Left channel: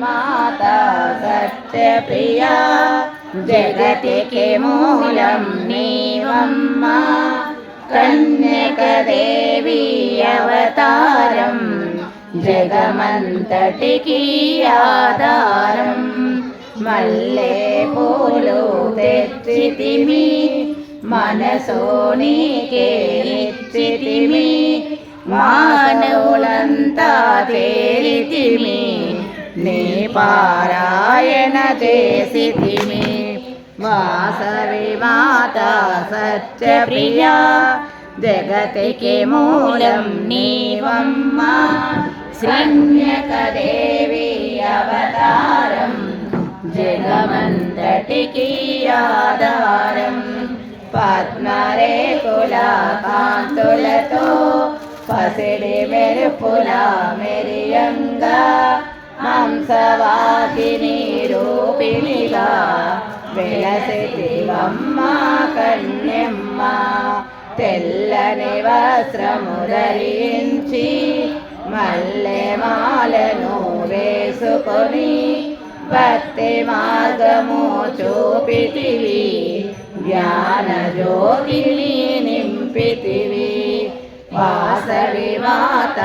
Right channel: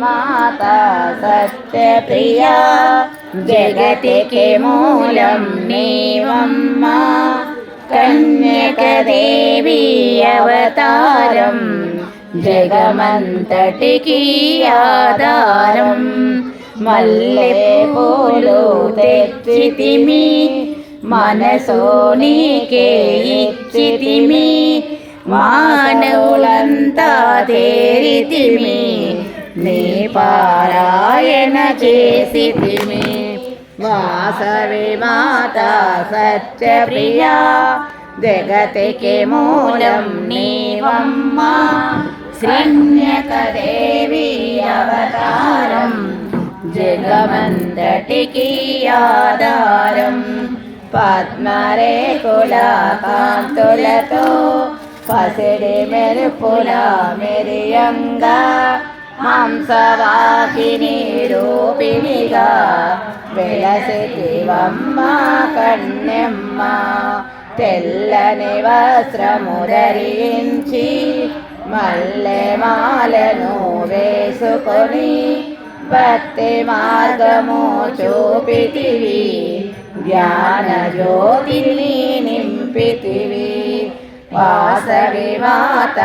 माता सत्यप्रिया जगतिके मूलं नीवम्मा कन्यकदेवी अवतारं जगमंतटिकी आधारं मल्ले पूलु तेच्चितिमि मनसो नीके इच्चितिमि मानवुलंता तेरितिमि నీ పారాయణ చేసితిమి వాసవి మాత సత్యప్రియా జగతికి మూలం నీవమ్మ శ్రీన్యకదేవి అవతారం జగమంతటికి ఆధారం పద్మరేకుల కాంతులతో పసిడి మెరుపుల మెరియంగా మాంసవాసిని రూపిణిగా వెలసితివమ్మ కన్యమ్మ తెల్లని వస్త్రము ధరించి మల్లె మాలను వేసుకొని భక్తి మార్గము చూపితివి జ్ఞాన జ్యోతిని నింపితివి వాసవి మాత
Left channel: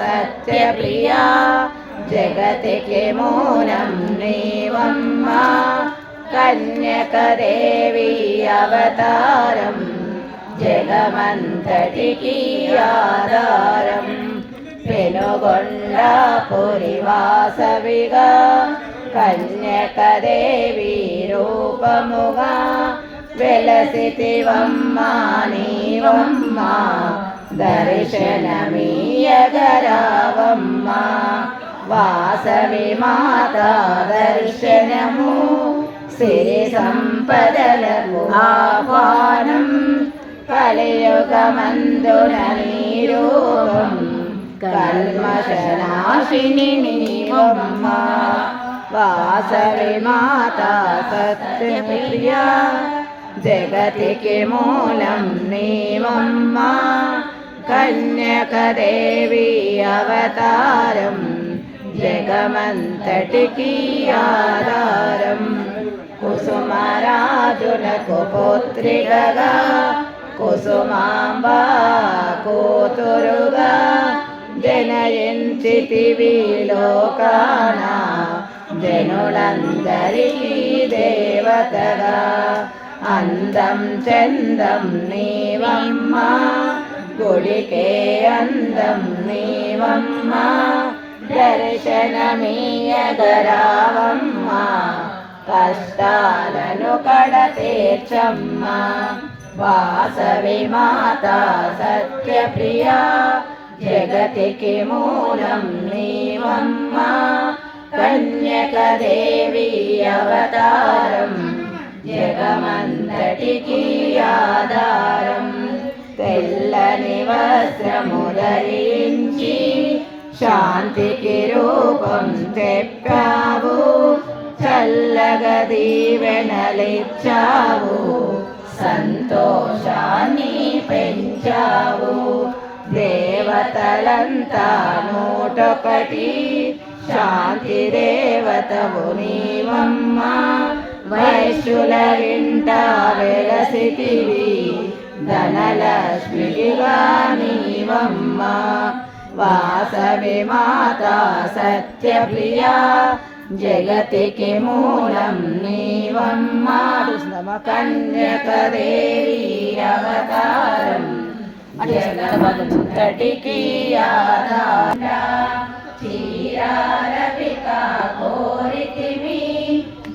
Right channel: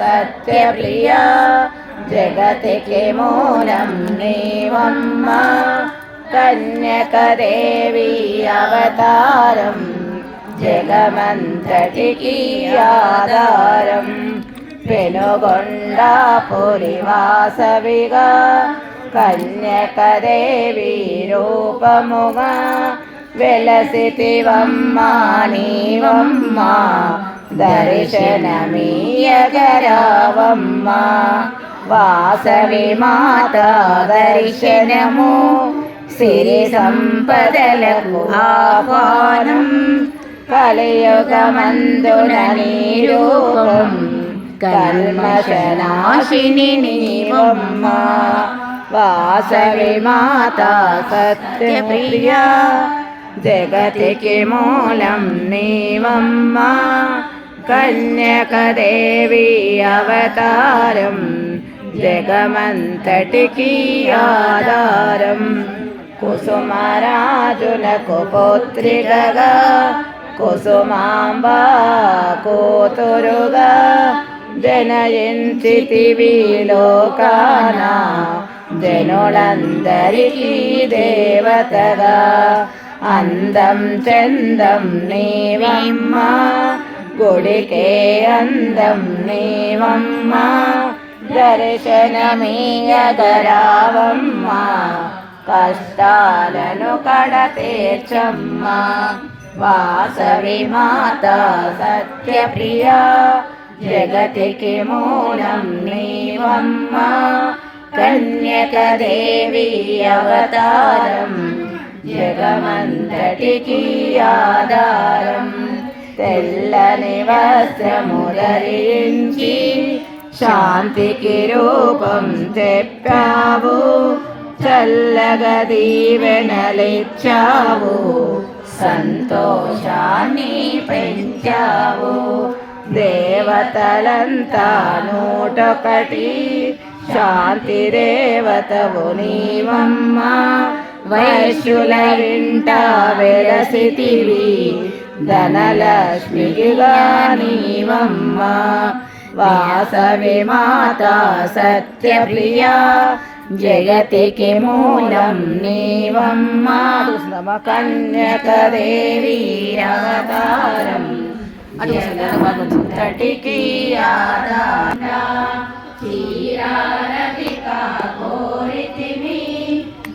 సత్యప్రియా జగతికి మూలం నీవమ్మ కన్యకదేవి అవతారం జగమంతటికి ఆధారం పెనుగొండపురి వాసవిగా కన్యకదేవి రూపముగా వెలసితివమ్మ నీవమ్మ దర్శనమీయగరావమ్మ వాసవి మాత దర్శనము సిరి సంపదలకు ఆహ్వానం కలియుగమందున నీ రూపం కల్మషనాశిని నీవమ్మ వాసవి మాత సత్యప్రియా జగతికి మూలం నీవమ్మ కన్యకదేవి అవతారం జగమంతటికి ఆధారం కుసుమరాజులకు పుత్రికగా కుసుమాంబ కూతురుగా జనయించితివి లోకాన జనులందరికీ దేవతగా అందం చందం నీవమ్మ గుడికే అందం నీవమ్మ దర్శనమీయగరావమ్మ కష్టాలను కడతీర్చమ్మ వాసవి మాత సత్యప్రియా జగతికి మూలం నీవమ్మ కన్యకదేవి అవతారం జగమంతటికి ఆధారం తెల్లని వస్త్రము ధరించి శాంతికి రూపం చెప్పావు చల్లగా దీవెనలిచ్చావు సంతోషాన్ని పెంచావు దేవతలంతా నూటొకటి శాంతి దేవతవు నీవమ్మ వైశ్యుల ఇంట వెలసితివి ధనలక్ష్మిగా నీవమ్మ వాసవి మాత సత్యప్రియా జగతికి మూలం నీవమ్మ కన్యకదేవి అవతారం జగమంతటికి ఆధారం చీరారవిక కోరితిమి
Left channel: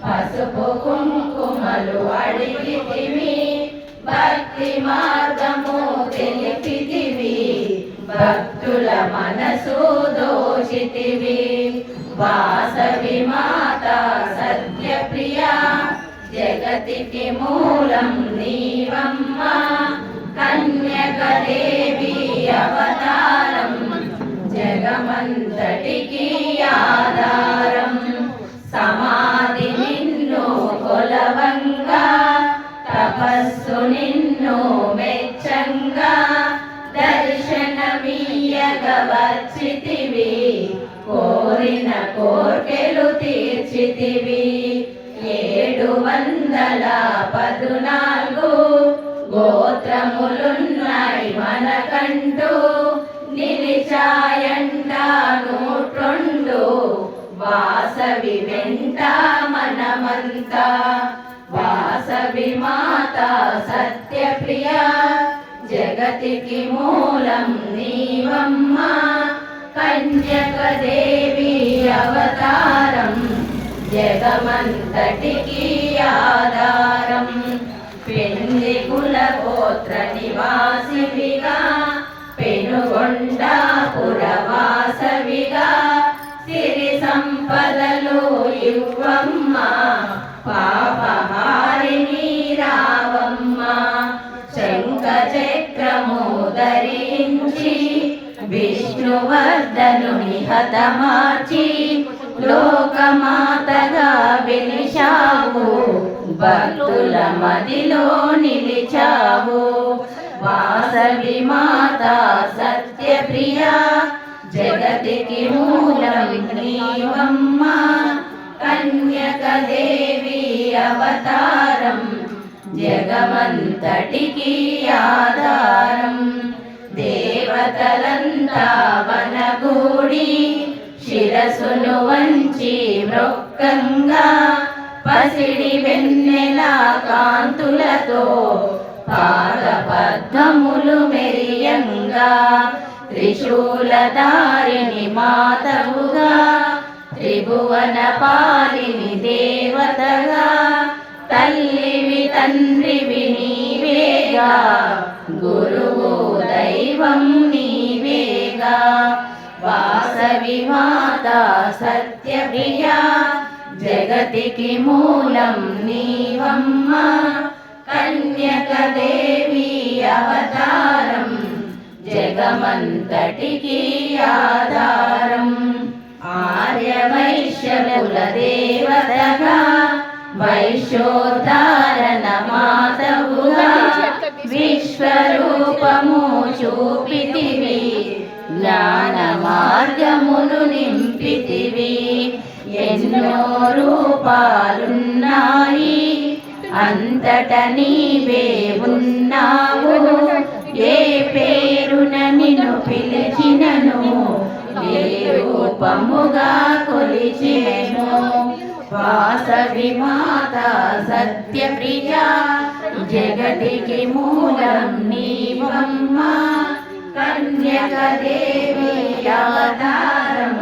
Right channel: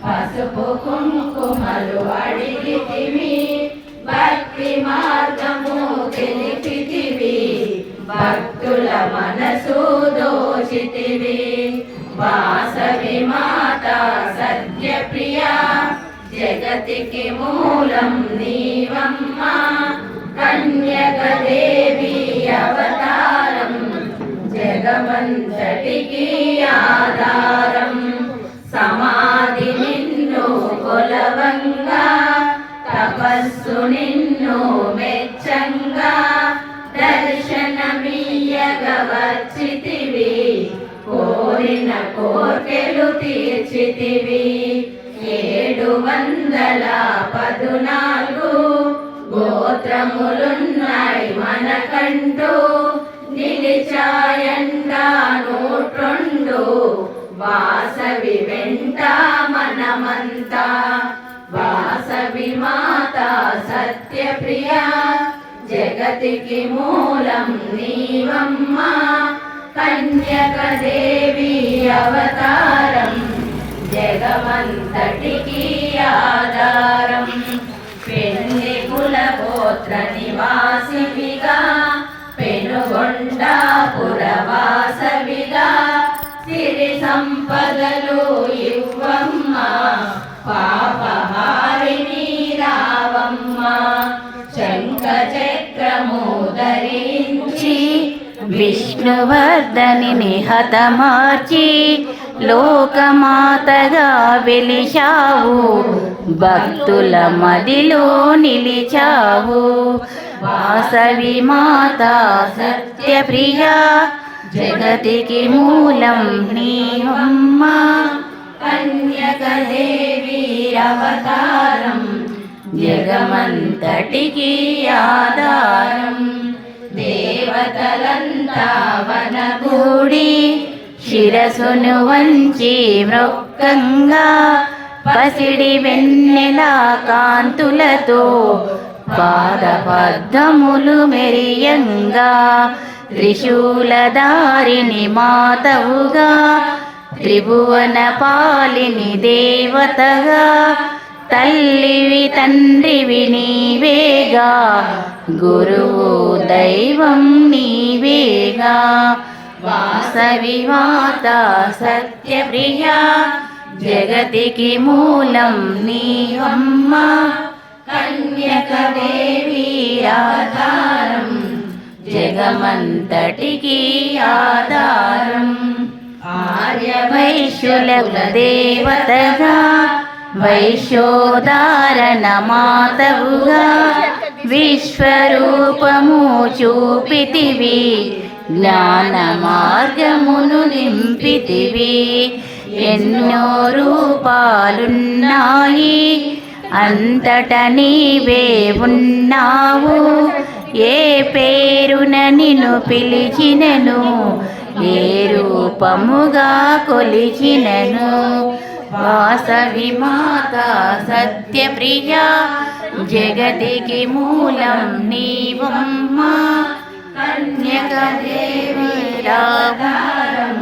పసుపు కుంకుమలు అడిగితిమి భక్తి మార్గము తెలిపితివి భక్తుల మనసు దోషితివి వాసవి మాత సత్యప్రియా జగతికి మూలం నీవమ్మ కన్యకదేవి అవతారం జగమంతటికి ఆధారం సమాధి నిన్ను కొలవంగా తపస్సు నిన్ను మెచ్చంగా దర్శనమీయగ వచ్చితివి కోరి కోరిన కోర్కెలు తీర్చితివి 714 గోత్రములున్నాయి మనకంటూ నిలిచాయండా 102 వాసవి వెంట మనమంతా వాసవి మాత సత్యప్రియ జగతికి మూలం నీవమ్మ కన్యకదేవి అవతారం జగమంతటికి ఆధారం పెళ్లి కుల గోత్ర నివాసివిగా పెనుగొండాపురవాసవిగా సిరి సంపదలు ఇవ్వమ్మ పాపహారిణి రావమ్మ శంఖ చక్రము ధరించి విష్ణువర్ధనిని హతమార్చి లోకమాతగా వెలిశావు భక్తుల మదిలో నిలిచావు వాసవి మాత సత్యప్రియ జగతికి మూలం నీవమ్మ కన్యకదేవి అవతారం జగమంతటికి ఆధారం దేవతలంతా వనగూడి శిరసును వంచి మృక్కంగా పసిడి వెన్నెల కాంతులతో పాదపద్మములు మెరియంగా త్రిశూలధారిణి మాతవుగా త్రిభువన పాలిని దేవతగా తల్లివి తండ్రివి నీవేగా గురువు దైవం నీవేగా వాసవి మాత సత్యప్రియ జగతికి మూలం నీవమ్మ కన్యకదేవి అవతారం జగమంతటికి ఆధారం ఆర్య వైశ్యుల దేవతగా వైశ్యోదారణ మాతవుగా విశ్వరూపము చూపితివి జ్ఞాన మార్గమును నింపితివి ఎన్నో రూపాలున్నాయి అంతట నీవే ఉన్నావు ఏ పేరున నిన్ను పిలిచినను ఏ రూపముగా కొలిచినను వాసవి మాత సత్యప్రియ జగతికి మూలం నీవమ్మ కన్యకదేవి ఆధారం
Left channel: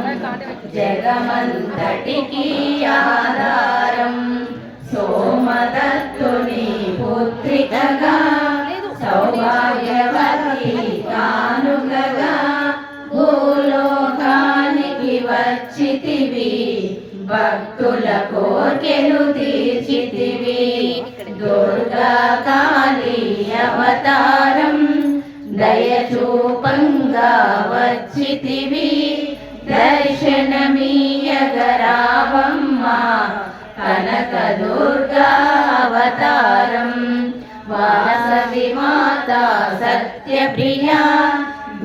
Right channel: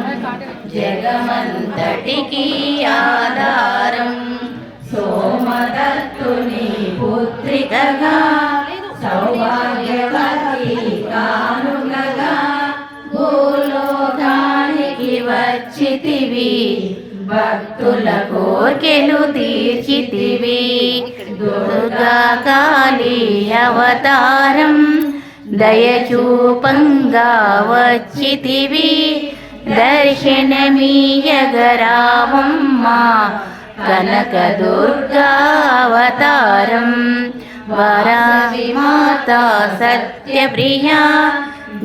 జగమంతటికి ఆధారం సోమదత్తుని పుత్రికగా సౌభాగ్యవతి కానుకగా భూలోకానికి వచ్చితివి భక్తుల కోర్కెలు తీర్చితివి దుర్గా కాళీ అవతారం దయచూపంగా వచ్చితివి దర్శనమీయగరావమ్మ కనక దుర్గా అవతారం వాసవి మాత సత్యప్రియ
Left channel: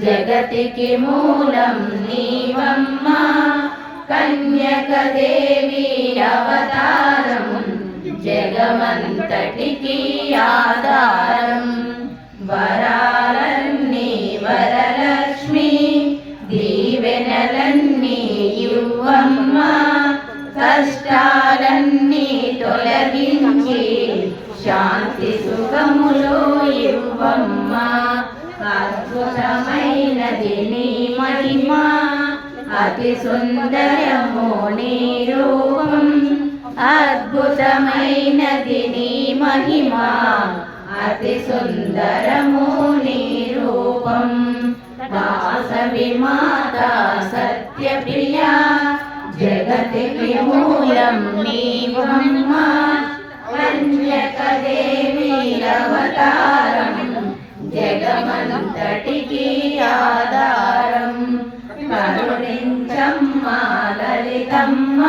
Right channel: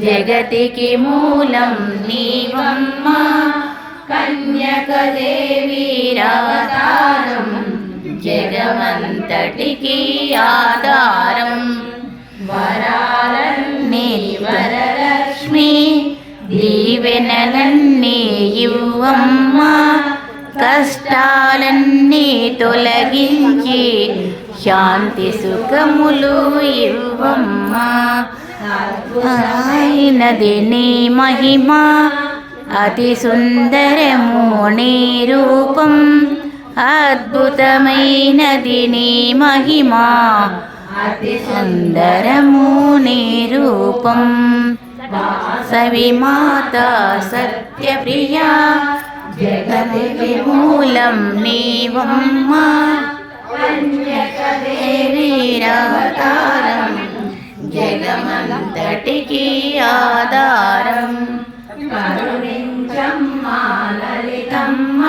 జగతికి మూలం నీవమ్మ కన్యకదేవి అవతారం జగమంతటికి ఆధారం వరాలన్నీ వరలక్ష్మి దీవెనలన్నీ ఇవ్వమ్మ కష్టాలన్నీ తొలగించి శాంతి సుఖములు ఇవ్వమ్మ అద్భుతమైనది నీ మహిమ అతి సుందరము నీ రూపం అద్భుతమైనది నీ మహిమ అతి సుందరము నీ రూపం వాసవి మాత సత్యప్రియ జగతికి మూలం నీవమ్మ కన్యకదేవి అవతారం జగమంతటికి ఆధారం కరుణించమ్మ లలితమ్మ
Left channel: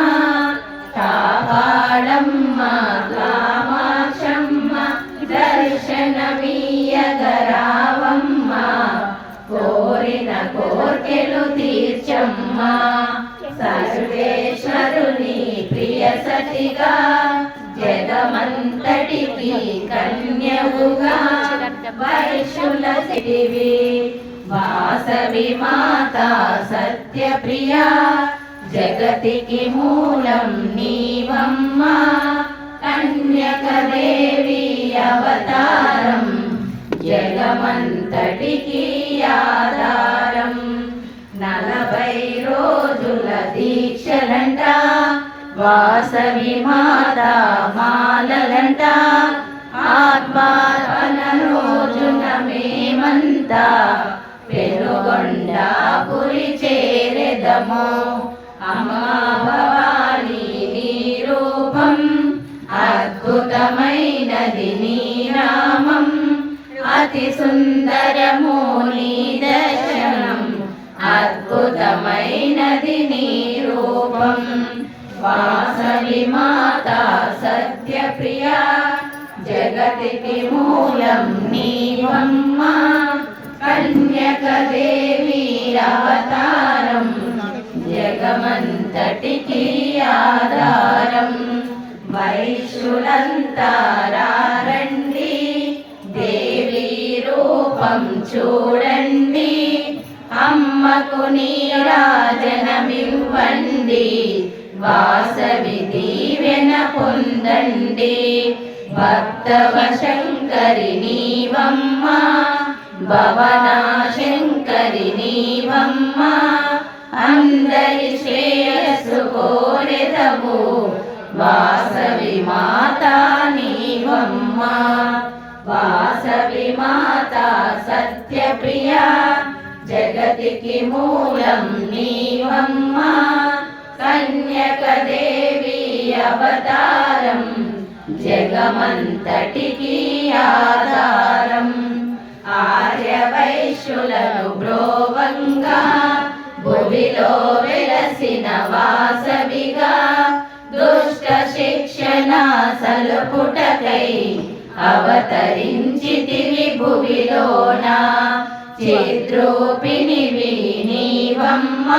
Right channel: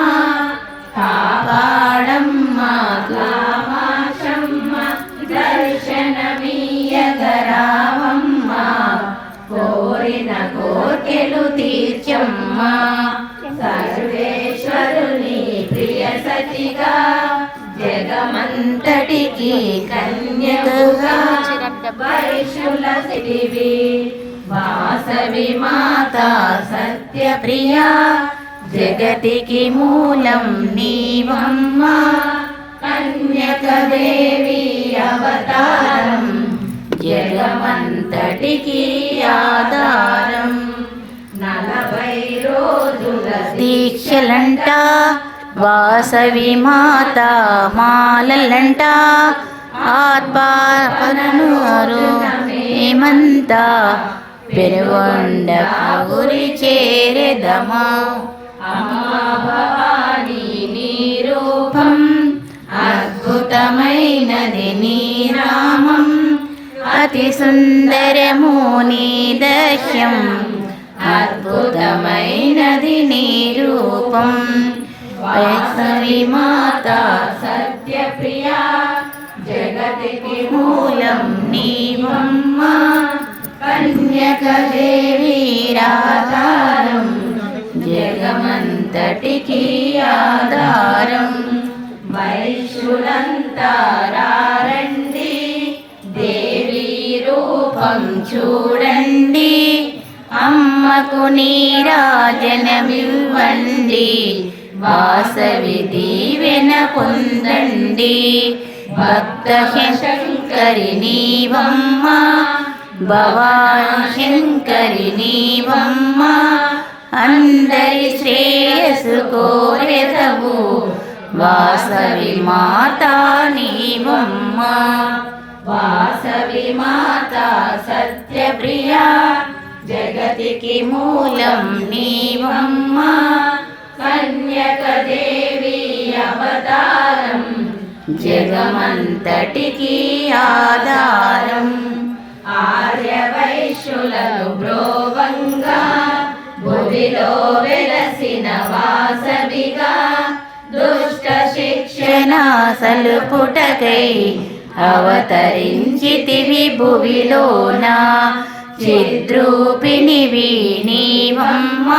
కాపాడమ్మ కామాక్షమ్మ దర్శనమీయగరావమ్మ కోరిన కోర్కెలు తీర్చమ్మ సర్వే సరస్వతిగా జగమంతటికి కన్యకుగా వైశులసివి వాసవి మాత సత్యప్రియా జగతికి మూలం నీవమ్మ కన్యకదేవి అవతారం జగమంతటికి ఆధారం 40 రోజుల దీక్షలంట వాసవి మాత మాలలంట ఆత్మానూరు మేమంత పెరుగొండ గురి చేరెదమా అమ్మా భవాని నీ రూపం అద్భుతమైనది నీ నామం అతి సుందరము నీ దర్శనం అద్భుతమైనది నీ రూపం వాసవి మాత సత్యప్రియా జగతికి మూలం నీవమ్మ కన్యకదేవి అవతారం జగమంతటికి ఆధారం వైశ్యులంతా రండి దేవి రూపం చూడండి అమ్మకు నీరాజనమివ్వండి వాసవి దీవెన పొందండి భక్త శంకరి నీవమ్మ భవనాశంకరి నీవమ్మ అందరి శ్రేయస్సు కోరెదవు వాసవి మాత నీవమ్మ వాసవి మాత సత్యప్రియా జగతికి మూలం నీవమ్మ కన్యకదేవి అవతారం జగమంతటికి ఆధారం ఆర్య వైశ్యులకు బ్రోవంగా భువిలో వెలసిన వాసవిగా దుష్ట శిక్షణ సలుపుటకై అవతరించితివి భువిలోన చిద్రూపిణివి నీవమ్మ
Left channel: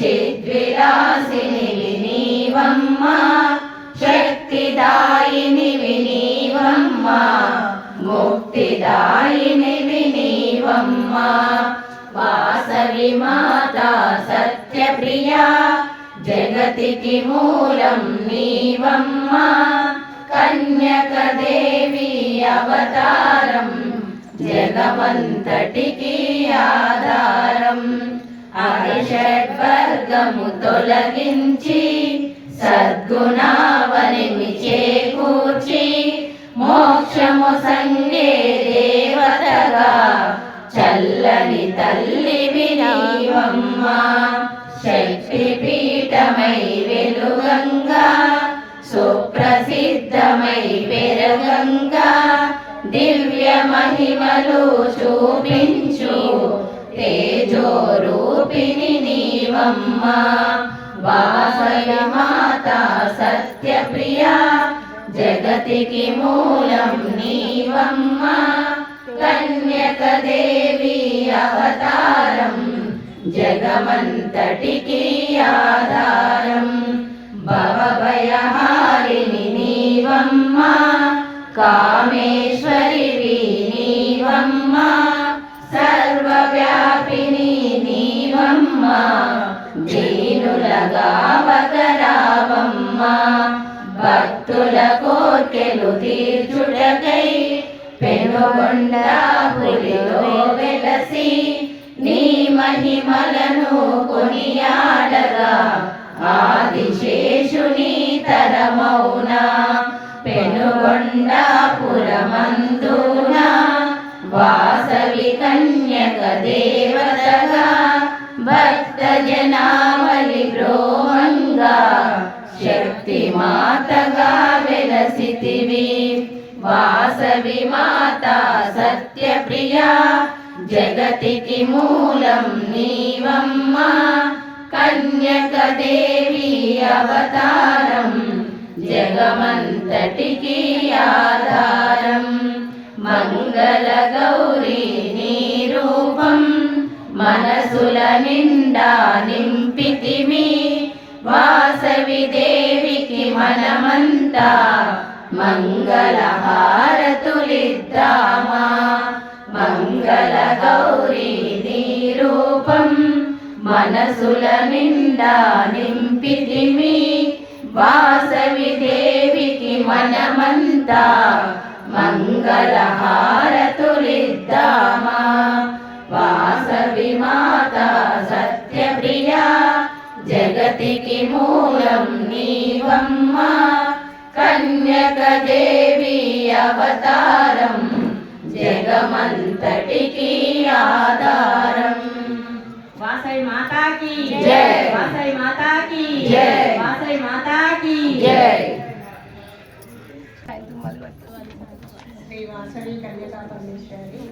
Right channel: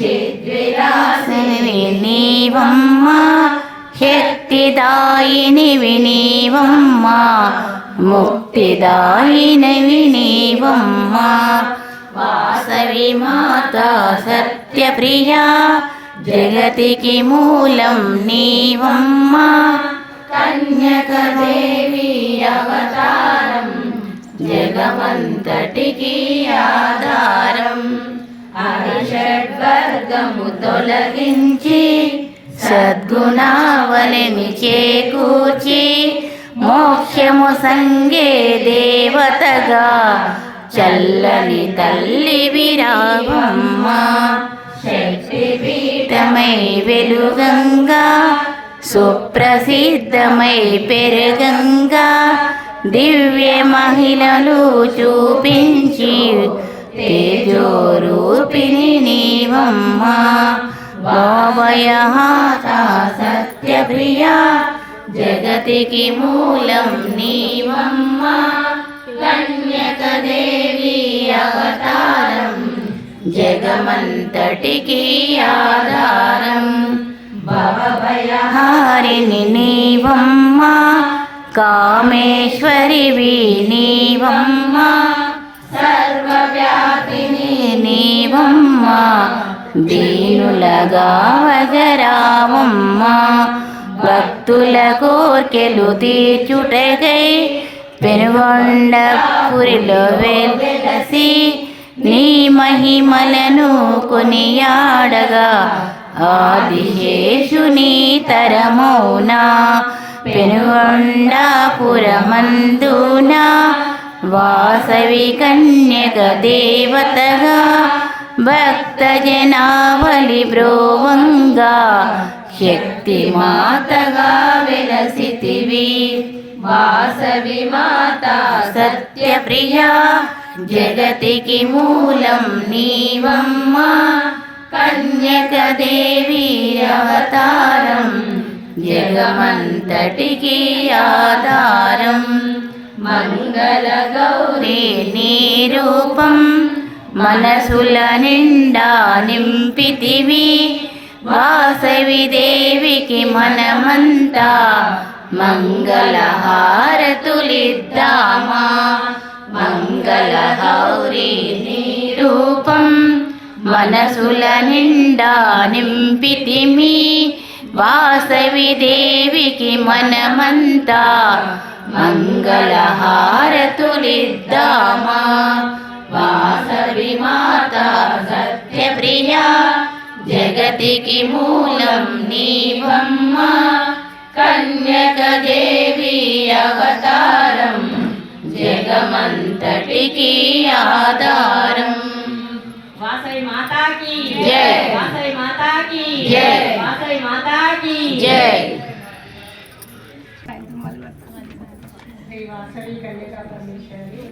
చిద్విలాసిని నీవమ్మ శక్తిదాయినివి నీవమ్మ ముక్తిదాయినివి నీవమ్మ వాసవి మాత సత్యప్రియా జగతికి మూలం నీవమ్మ కన్యకదేవి అవతారం జగమంతటికి ఆధారం అరిషడ్వర్గము తొలగించి సద్గుణావళిని చేకూర్చి మోక్షము సంగే దేవతగా చల్లని తల్లి విరావమ్మ శక్తిపీఠమై వెలుగంగా సుప్రసిద్ధమై పెరగంగా దివ్య మహిళలు చూపించి తేజోరూపిణి నీవమ్మ భావయమాత సత్యప్రియా జగతికి మూలం నీవమ్మ కన్యకదేవి అవతారం జగమంతటికి ఆధారం భవభయహారిణి నీవమ్మ కామేశ్వరివి నీవమ్మ సర్వవ్యాపిని నీవమ్మ దీనులగా వగరావమ్మ భక్తుల కోర్కెలు తీర్చుటకై పెనుగొండ పురిలో వెలసి నీ మహిమలను కొనియాడగా ఆదిశేషుని తరమౌనా పెనుగొండాపురమందున వాసవి కన్యక దేవతగా భక్త జనావళి బ్రోవంగా శక్తి మాతగా వెలసితివి వాసవి మాత సత్యప్రియా జగతికి మూలం నీవమ్మ కన్యకదేవి అవతారం జగమంతటికి ఆధారం మంగళ గౌరీ నీ రూపం మనసుల నిండా నింపితివి వాసవి దేవికి మనమంతా మంగళహారతులిద్దామా. మంగళ గౌరీ నీ రూపం మనసుల నిండా నింపితిమి. వాసవి దేవికి మనమంతా మంగళహారతులిద్దామా. వాసవి మాత సత్యప్రియా జగతికి మూలం నీవమ్మ. కన్యక దేవి అవతారం జగమంతటికి ఆధారం. వాసవి మాతాకి జై. వాసవి మాతాకి జై. వాసవి మాతాకి జై. శ్రీ వాసవి కన్యకా పరమేశ్వరి